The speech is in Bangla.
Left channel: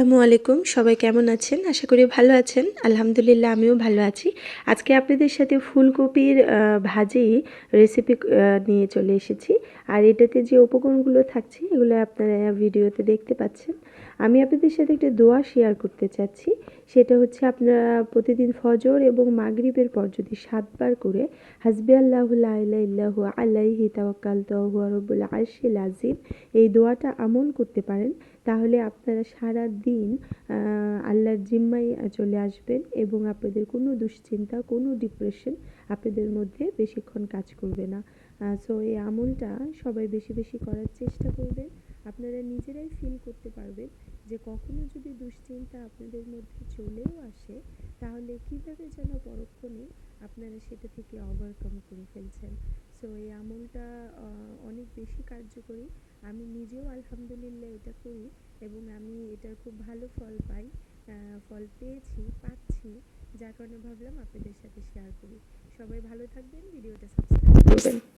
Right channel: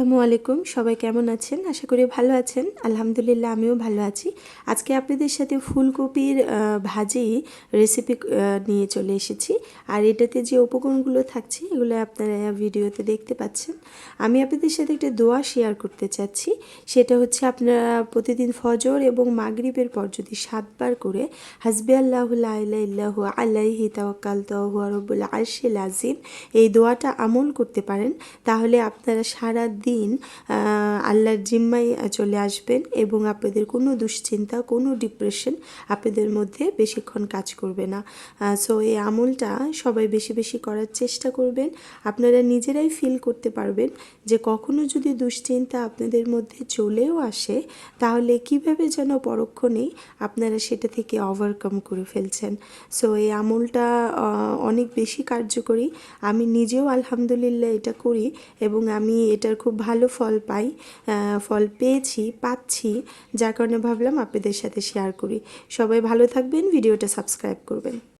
আসসালামু আলাইকুম, সবাই কেমন আছেন? আশা করি ভালো আছেন। আলহামদুলিল্লাহ আমিও ভালো আছি। আজকে আপনাদের সাথে ফুলকপির ভাজি রেসিপি নিয়ে চলে এসেছি। আর এটাতে যে উপকরণগুলো থাকছে এগুলো আপনারা ভিডিওতে দেখতে পাচ্ছেন। আমি আপনাদের সাথে একটা দোয়া শেয়ার করতে চাচ্ছি। সেটা হচ্ছে আপনারা প্রতিদিন ফজর এবং মাগরিবের পর যদি ৭ বার করে হাসবি আল্লাহু লা ইলাহা ইল্লাহু আলাইহি তাওয়াক্কালতু ওয়া হুয়া রাব্বুল আরশিল আযীম এই দোয়াটা আমল করতে পারেন, তাহলে আপনারা সারা দিন আল্লাহর জিম্মায় চলে আসবেন এবং আপনাদের কোনো দুশ্চিন্তা, কোনো ডিপ্রেশন আপনাদের মধ্যে বেশিক্ষণ কাজ করবে না। সো এই আমলটা সবাই বেশি বেশি করার চেষ্টা করবেন। আপনারা নিজেরাই ফিল করতে পারবেন যে কখনো যদি দুশ্চিন্তা আপনাদের মধ্যে চলেও আসে, তাহলে কিভাবে যেন পরক্ষণেই আপনারা সেটা থেকে ওভারকাম করে ফেলছেন। সো এই আমলটা অনেক বেশি কার্যকরী। আমি নিজেও আলহামদুলিল্লাহ এটা করি এবং আমি এটার খুব ভালো ফল পেয়েছি, পাচ্ছি, যার কারণে ভাবলাম আপনাদের সাথে শেয়ার করি। সবাই ভালো থাকবেন, ভিডিওটা সাবস্ক্রাইব করবেন।